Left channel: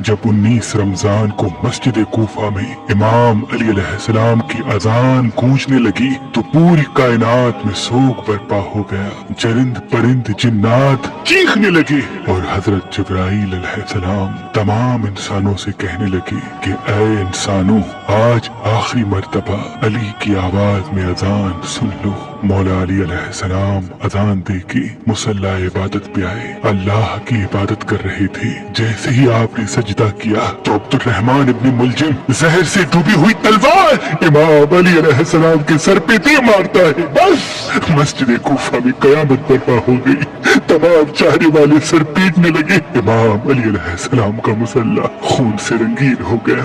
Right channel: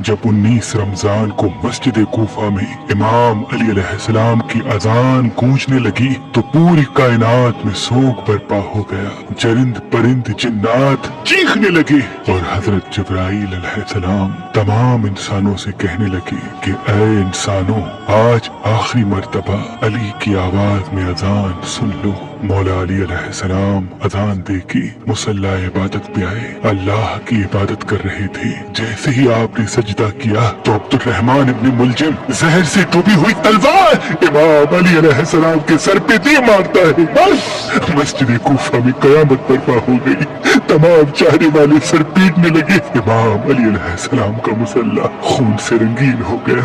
जब 19 रमजान को मस्जिद कूफा में इमाम अली अलैहिस्सलाम की अजान गूंजने लगी तो पूरी कायनात में सोग बर्पा हो गया। चरिंद परिंद जिन्नात चीखने लगे और हजरत जिब्राइल अलैहिस्सलाम तमाम इंसानों से कहने लगे कि ऐ इंसानों, आज आखिरी मर्तबा अली की आवाज में अजान सुन लो। मौला अली अलैहिस्सलाम अजान दे के मुसल्ला इबादत पे आए। अल्लाह की इबादत कर रहे थे। जैसे ही आपने सजदा किया तो अब्दुर्रहमान इब्न मुलजिम जहर से डूबी हुई तलवार इमाम अली अलैहिस्सलाम के सर पे दे मारता है। बस मस्जिद कूफा में कयामत बर्पा हो गई। तमाम चाहने वाले सर पीटने लगे। इमाम अली अलैहिस्सलाम का मुसल्ला खून से रंगीन हो गया।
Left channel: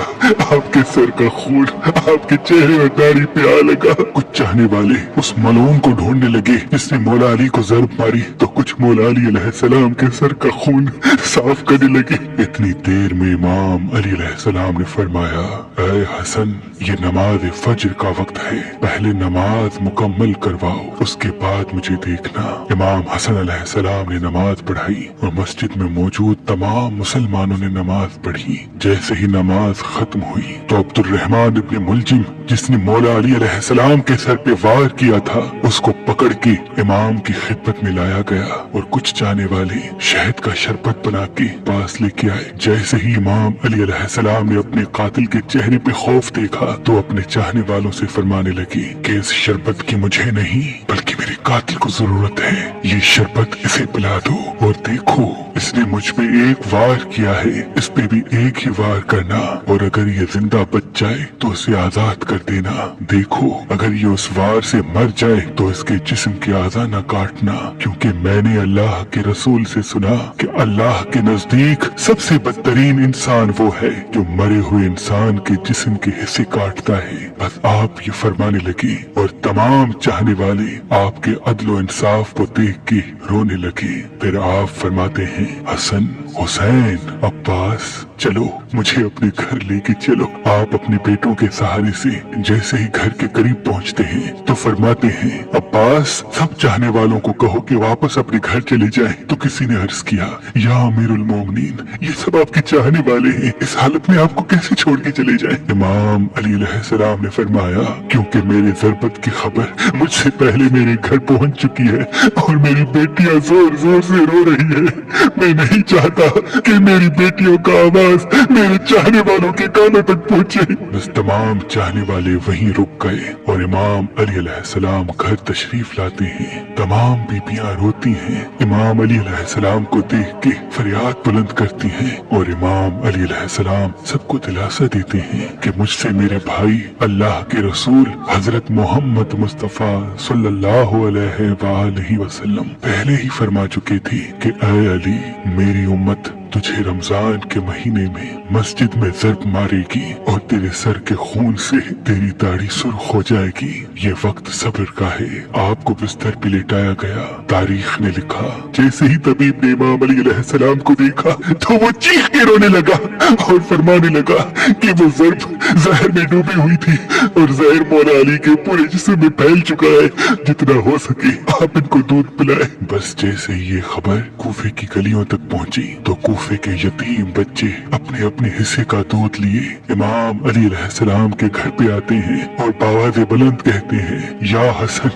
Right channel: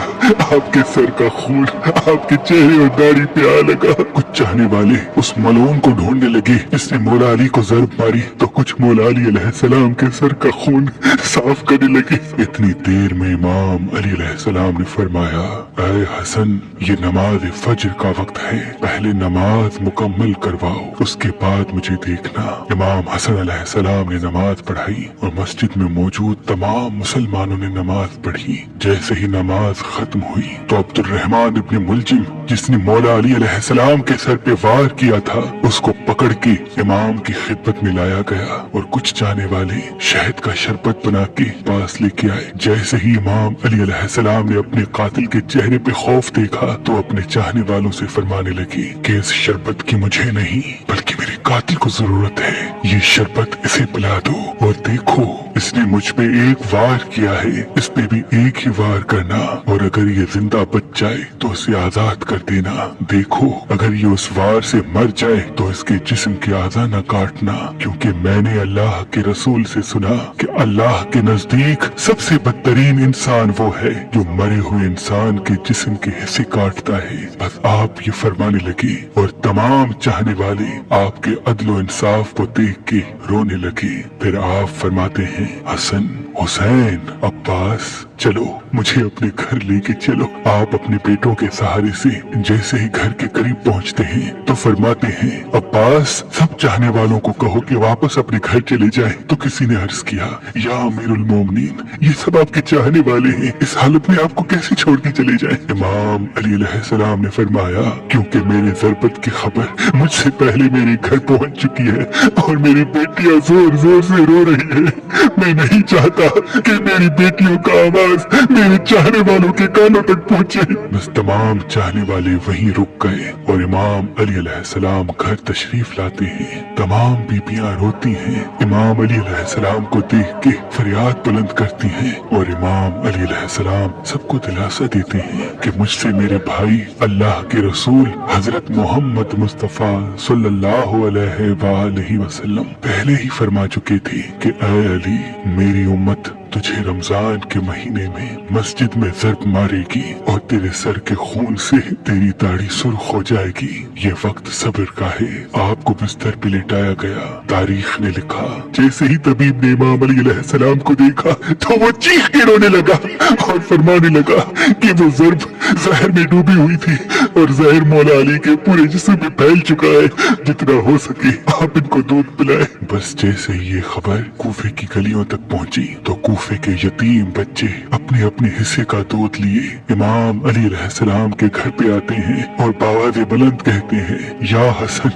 आपके सर का खून आपके चेहरे और दाढ़ी पे आ लगा। कुछ चाहने वाले उस मलून को ढूंढने लगे जिसने मौला अली को ज़रब मारी, तो कुछ मौला अली अलैहिस्सलाम के सर का खून साफ करने लगे। इतनी देर में इमाम अली अलैहिस्सलाम ने फरमाया, ऐ हसन, ये नमाज फज्र का वक्त है, पहले नमाज मुकम्मल करवाओ, उसके बाद मुझे देखना। इमाम हसन अलैहिस्सलाम ने नमाज पढ़ाई और मस्जिद में मौजूद तमाम मुसलमानों ने नमाज पढ़ी। जैसे ही नमाज खत्म हुई तो अब्दुर्रहमान इब्न मुलजिम, जिसने मौला अली अलैहिस्सलाम के सर पे वार किया था, उसको पकड़ के इमाम की खिदमत में लाया गया और कुछ चाहने वाले शहद का शरबत बना के पास लेके आए। जैसे ही इमाम अली अलैहिस्सलाम ने अपने कातिल के चेहरे पे खौफ देखा तो अपने चाहने वालों से फरमाने लगे कि इस शरबत की मुझे नहीं बल्कि मेरे कातिल को जरूरत है। ये शरबत इसे पिला दो और देखो, इसने मुझ पे एक वार किया है, इस पे भी एक ही वार करना और अगर ये जिंदा बच जाए तो इसे आजाद कर देना। देखो, अगर ये उस वार से मर जाए तो इसके जिस्म के आज़ा न काटना, क्योंकि मैंने अल्लाह के रसूल से सुना कि अल्लाह के नजदीक सबसे बदतरीन इंसान वो है जो मरे हुए इंसान के जिस्म के हिस्से काटता है। बस आप ये फरमाने लगे और तमाम चाहने वाले आपके अदलो इंसाफ को देख के रोने लगे। फिर आप फरमाते हैं, हसन, हुसैन, अब्बास, चलो मुझे अपने घर लेके चलो। आप अपने बेटों के सहारे से जैसे ही घर के करीब पहुंचते हैं तो फरमाते हैं, अब्बास, सब चाहने वालों को कहो कि वापस अपने घर चले जाएं। तो किसी ने अर्ज किया, या अमीरुल मोमिनीन, ये सब आपके चाहने वाले हैं, इस हालत में आपको कैसे छोड़ के चले जाएं? इमाम अली अलैहिस्सलाम ने फरमाया, क्योंकि मेरे ज़रबत की खबर मुझसे पहले मेरे घर पहुंच चुकी है और मेरी बेटियां जोर जोर से रो रही है। मैं नहीं चाहता कि मेरी बेटियों का आवाज मेरे चाहने वालों के कानों तक पहुंचे। बस तमाम चाहने वाले वहीं रुक गए और इमाम अली अलैहिस्सलाम घर तशरीफ लाते हैं। तमाम बीबियां रोती हैं, इमाम अली अलैहिस्सलाम को देख के फरियाद बुलंद करती हैं और इमाम अली अलैहिस्सलाम सबको दिलासा देते हैं कि मुझसे मेरे भाई अल्लाह के रसूल हजरत मोहम्मद मुस्तफा सल्लल्लाहु अलैहि वसल्लम पहले ही फरमा चुके थे कि ऐ अली, मेरी उम्मत तुझे रमजान के महीने में मस्जिद में ज़रब मारेगी और तेरे सर के खून से तेरी दाढ़ी सुर्ख हो जाएगी। ये वक्त सब्र का है। आपको बिस्तर पे लिटाया गया। तारीख ने लिखा, जैसे ही तबीब ने इमाम अली अलैहिस्सलाम को देखा तो वो चीख के रोने लगा और फरमाने लगा कि वो ज़रब जहर में डूबी हुई थी और जहर मौला अली के पूरे जिस्म में फैल चुका है। जितना हो सके आप इनको दूध पिलाए। बस जैसे ही ये खबर कूफे की गलियों तक पहुंची तो कूफे के यतीम बच्चे अपने अपने हिस्से का दूध लिए इमाम अली अलैहिस्सलाम के घर पे आते हैं और बावाज़े बुलंद कहते हैं, या हसन,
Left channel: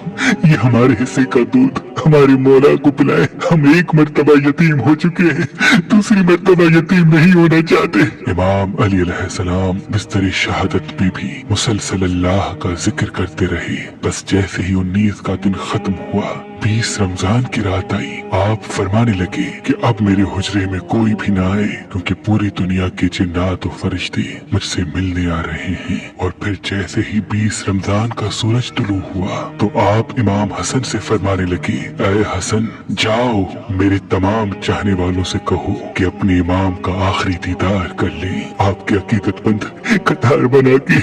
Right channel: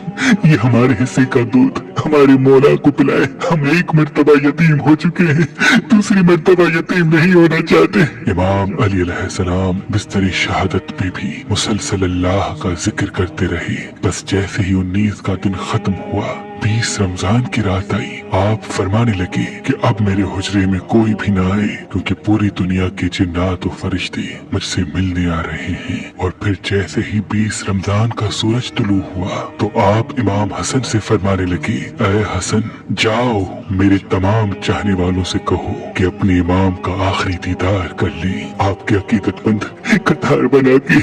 ये हमारे हिस्से का दूध हमारे मौला को पिलाए। हम एक मर्तबा यतीम हो चुके हैं, दूसरी मर्तबा यतीम नहीं होना चाहते। इमाम अली अलैहिस्सलाम बिस्तरी शहादत पे भी मुसलसल अल्लाह का जिक्र करते रहे। बस जैसे ही 19 का दिन खत्म हुआ, 20 रमजान की रात आई, आप फरमाने लगे कि अब मेरे हुजरे में कोई भी ना आए, क्योंकि पूरी दुनिया के जिन्नात और फरिश्ते मुझसे मिलने आ रहे हैं। और फिर जैसे ही 20 रमजान का सूरज तुलू हुआ तो आप इमाम हसन से फरमाने लगे, ऐ हसन, जाओ मेरे तमाम चाहने वालों से कहो कि अपने इमाम का आखिरी दीदार कर ले। आपके अकीदतमंद कतार बना के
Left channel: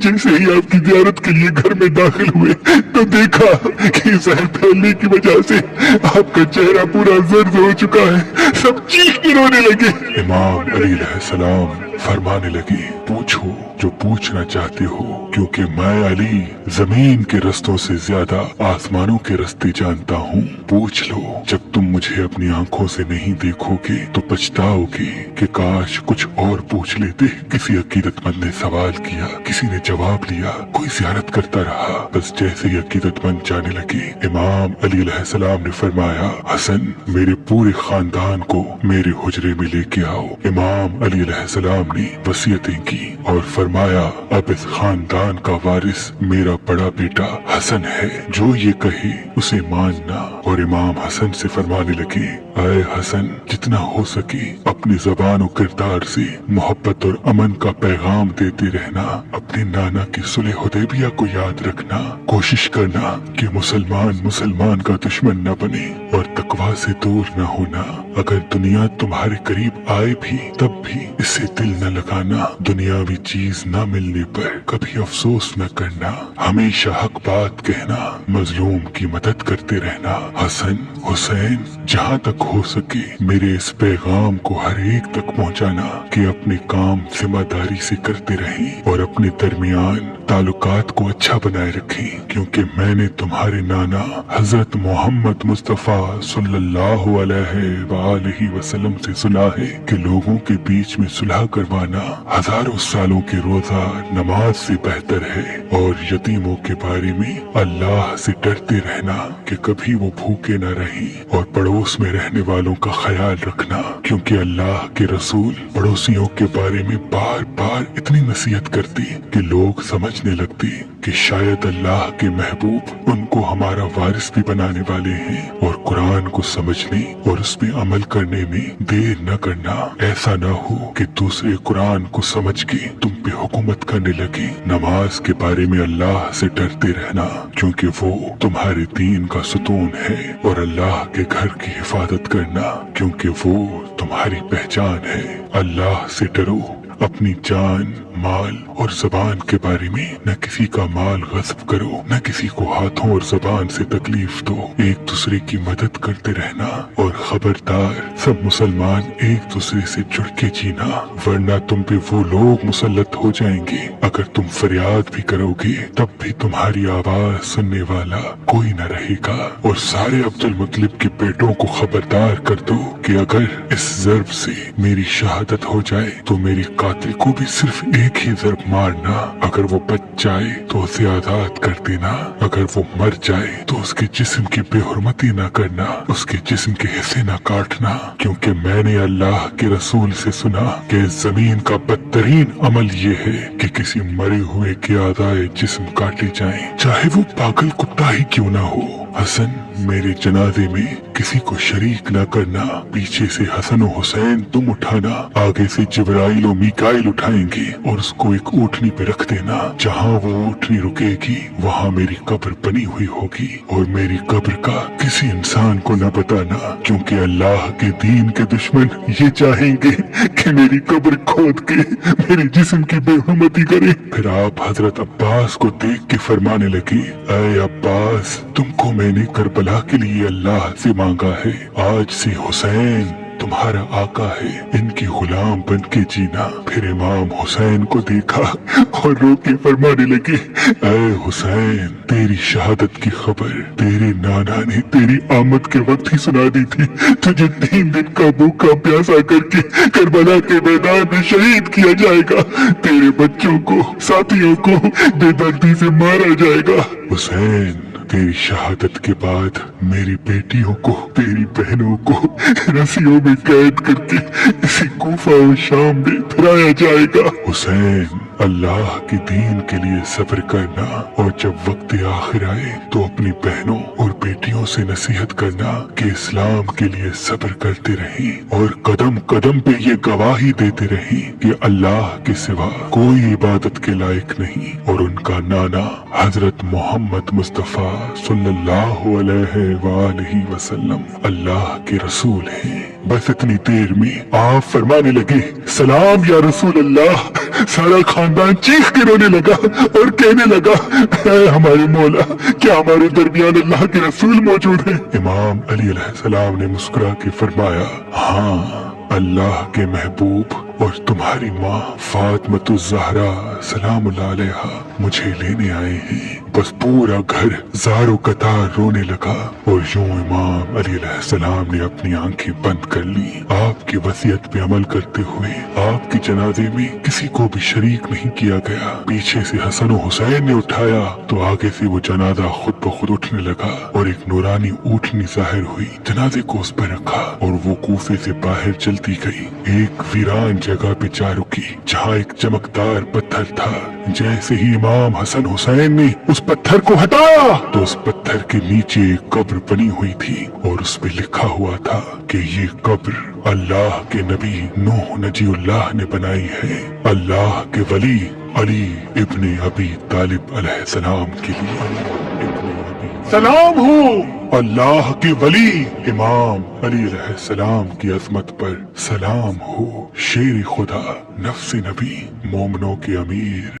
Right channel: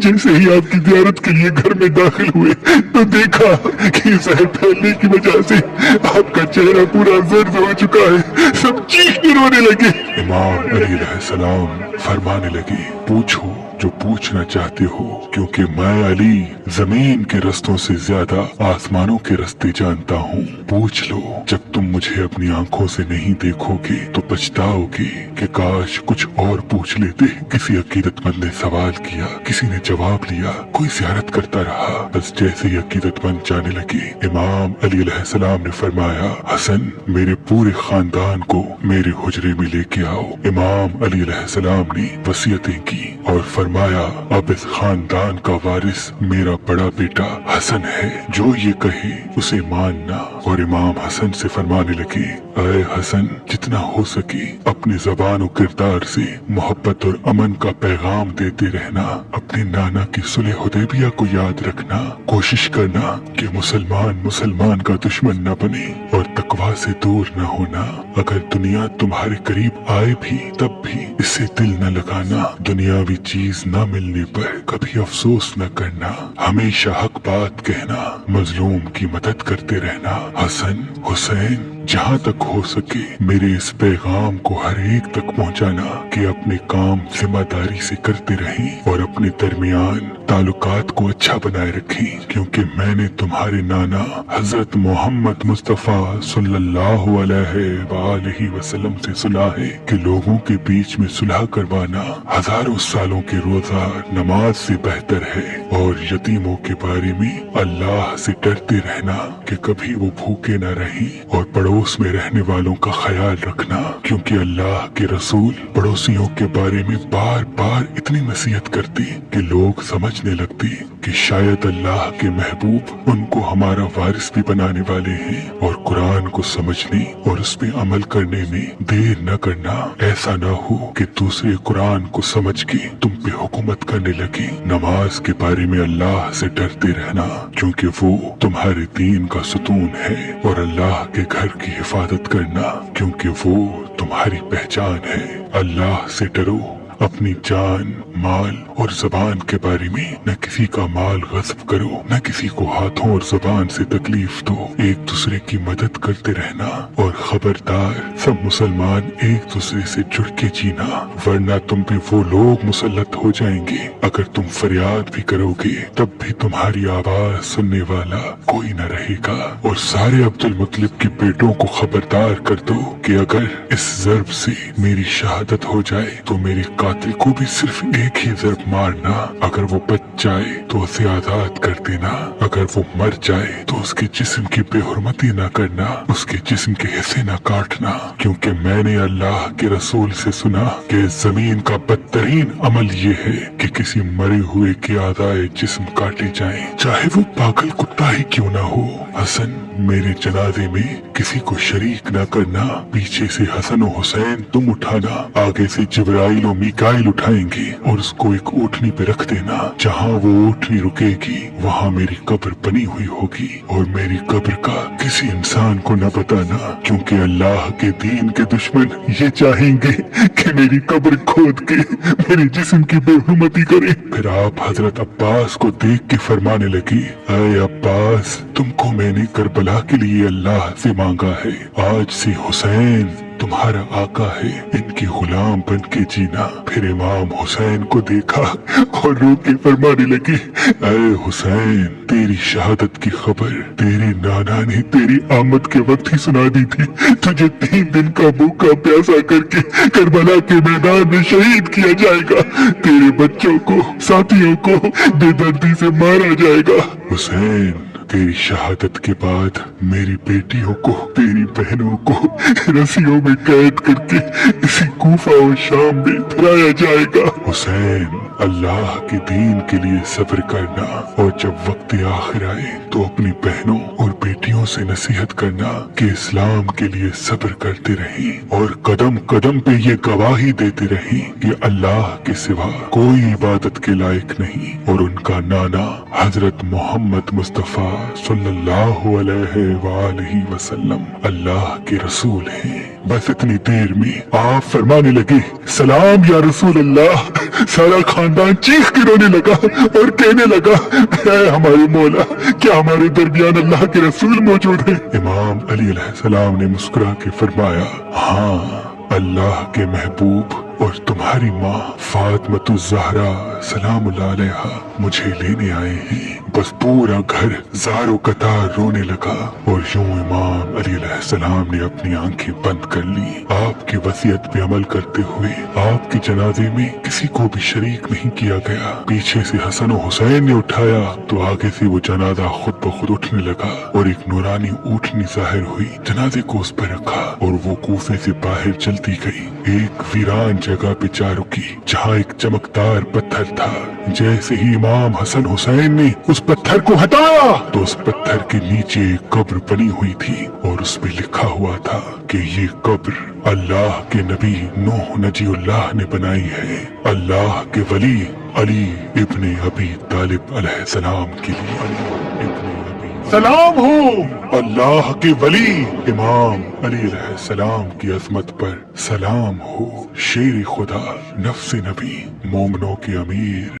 जैसे ही आपकी ज़ियारत के लिए घर में दाखिल हुए तो देखा कि जहर फैलने की वजह से आपका चेहरा पूरा जर्द हो चुका है। सब चीख के रोने लगे। इमाम अली अलैहिस्सलाम फरमाने लगी, पूछो जो पूछना चाहते हो, क्योंकि मैं अली जमीन के रस्तों से ज्यादा आसमानों के रास्ते जानता हूँ। पूछ लो, जब तुम मुझे अपनी आंखों से नहीं देखोगे तो पछताओगे कि काश कुछ और पूछ लेते। किसी अकीदतमंद ने सवाल किया, किसी ने जवाब लिया, कोई ज़ियारत करता रहा। बस जैसे ही अकीदतमंद जाने लगे, इमाम अली अलैहिस्सलाम ने फरमाया, हसन मेरे पूरे खानदान को मेरे हुजरे में लेके आओ। इमाम अली अलैहिस्सलाम ने वसीयतें की और फरमाया, अब इस खानदान का वारिस मेरा बड़ा बेटा हसन है, जो ये कहे उसे मानना। और इमाम हसन से फरमाने लगे, ऐ हसन, जितना हो सके अपने ज़बान और किरदार से मोहब्बत और अमन का पैगाम देते रहना। अपने नाना की सुलह हुदैबिया को याद रखना। कोशिश करना कि मुसलमान का दुश्मन न बने और तकवा से दूर न होना। अगर दुनिया तुम्हारे करीब आए भी तब भी इससे दिल न लगाना। दुनियावी चीज न मिलने पर कभी अफसोस न करना। हमेशा हक बात कहना, मजलूम की मदद करते रहना। हसन, हुसैन, जहाँ तक हो सके मेरे इस पैगाम को हर एक तक पहुँचाना कि अपने काम जिम्मेदारी से करते रहें और अपने दरमियान ताल्लुकात को अच्छा बनाए रखें, क्योंकि मैंने तुम्हारे नाना हजरत मोहम्मद मुस्तफा सल्लल्लाहु अलैहि वसल्लम से सुना है कि लोगों के बीच में सुलह करवाना हजारों सालों के रोजा नमाज से बेहतर है। और यतीमों के बारे में अल्लाह से डरते रहना कि कभी वो भूखे न रहे और पड़ोस में रहने वालों का ख्याल रखना, क्योंकि अल्लाह के रसूल पड़ोसियों के बारे में बार बार इतनी नसीहत करती कि लोग समझने लगते कि शायद अल्लाह के महबूब उनको हमारा वारिस भी बनाने वाले हैं। और कुरान को समझने और उस पे अमल करने में देर न करना। ऐसा न हो कि दूसरे कुरान को समझ के तुम पे हुकूमत करने लगे। नमाज के बारे में अल्लाह से डरते रहना, क्योंकि वो तुम्हारे दीन का सुतून है। और अल्लाह के घर की हिफाजत करना, क्योंकि वो तुम्हारी पहचान है। अल्लाह से डरो। अपनी जान, माल और जबान के बारे में न किसी का माल गस्ब करो, न किसी को हाथों और जबान से तकलीफ दो। एक दूसरे की मदद करते रहना। और खबरदार, सब मुसलमान एक दूसरे से जुड़ के जीना, वरना तुम पे वो लोग मुसल्लत हो जाएंगे। अगर तुम फरियाद भी करोगे तब भी तुम्हारी आवाज सुनने वाला कोई न रहेगा। और सारे अब्दुल मुत्तलिब के बेटों को खबरदार कर दो कि अगर इस ज़र्ब से मेरी शहादत हो जाए तो मेरी कातिल को भी सिर्फ एक ही ज़र्ब मारना। अगर वो बच जाए तो उसे आजाद कर देना। अगर वो मर जाए तो उसके जिस्म की बेहुरमती न करना, उसके जिस्म के हिस्से न काटना, क्योंकि मैंने अल्लाह के रसूल से सुना कि जमीन का बदतरीन अमल ये है कि किसी मरे हुए के आज़ाए जिस्म काटे जाएं, चाहे वो पागल कुत्ता ही क्यों ना हो। हसन, मेरे जनाजे में किसी को शरीक न करना। पीछे से हसन और हुसैन तुम उठाना, आगे से जिब्राइल और मीकाइल उठाएंगे और उसको एक ऊँटनी पे रख देना। जहाँ वो ऊँटनी रुकेगी वहाँ मेरी कब्र बनी हुई होगी। और मेरी कब्र का किसी इंसान को न बताना, क्योंकि अल्लाह के दीन के दुश्मन ये चाहेंगे कि मेरी कब्र खोद के मेरे जिस्म की बेहुरमती करे। फिर आप हजरत अब्बास को देख के फरमाने लगे, ऐ अब्बास, तुमको मैंने करबला के लिए अल्लाह से मांगा है। आज से हुसैन तुम्हारा आका है, इनकी गुलाम बन के जीना। फिर इमाम हुसैन को देखा और रो के फरमाने लगे, ऐ हुसैन, तेरी शहादत की खबर तेरे नाना ने तेरी आमद के वक्त ही सुना दी थी। तुझे 3 दिन का भूखा प्यासा करके करबला के मैदान में शहीद किया जाएगा। तेरे बच्चों को, साथियों को बेदर्दी से मारा जाएगा। हुसैन, तेरी शहादत के बाद मेरी बेटियों को, तेरी बहनों को रस्सियों में कैद करके इसी कूफा और शाम में फिराया जाएगा। हुसैन, अल्लाह के दीन के लिए सब्र करना, और जब वक्त आखिर आए तो अपनी बहनों और बेटियों से नसीहत करना कि इस्लाम के लिए सब्र करते रहें और कदम कदम पे ये गवाही देते रहें कि अल्लाह के सिवा कोई इबादत के लायक नहीं और उनका नाना हजरत मोहम्मद मुस्तफा सल्लल्लाहु अलैहि वसल्लम अल्लाह के रसूल हैं। बस इतनी देर में आप फरमाने लगे, सलाम या रसूल अल्लाह। सारा खानदान चीख के रोने लगा और कहने लगा, है हमारे मौला, क्या हमारे दरमियान अल्लाह के रसूल मौजूद है? इमाम अली अलैहिस्सलाम ने मुस्कुरा के फरमाया, हाँ अल्लाह के महबूब और तुम्हारी माँ फातिमा ज़हरा सलाम अलैहा मुझे लेने आए हैं। बस पूरा घर ज़ारो कतार रोने लगा और यूं इमाम अली अलैहिस्सलाम ने अपनी आंखें बंद कर ली। आपकी वसीयत पे अमल करते हुए आपके जनाजे में किसी को भी शरीक नहीं किया गया। पीछे से हसन और हुसैन ने उठाया तो आगे से वो जनाजा खुद ब खुद उठने लगा और एक नूरानी ऊँटनी जाहिर हुई। जनाजे को उस पर रखा और वो कूफे से बाहर चलती गई। एक वीरान जगह पे जा रुकी जहाँ एक चमकदार पत्थर था। जैसे ही इमाम हसन हुसैन ने उस पत्थर को हटाया तो उस पत्थर के नीचे एक कब्र बनी हुई थी और उस पे लिखा हुआ था कि ये कब्र अल्लाह के नबी नूह नजीउल्लाह ने बनाई है, अल्लाह के वली अली इब्ने अबी तालिब अलैहिस्सलाम के लिए। सलाम हो अल्लाह के वली इमाम अली अलैहिस्सलाम की अजमत पर, सलाम हो शेर खुदा नफ्स नबी मोमनों के अमीर।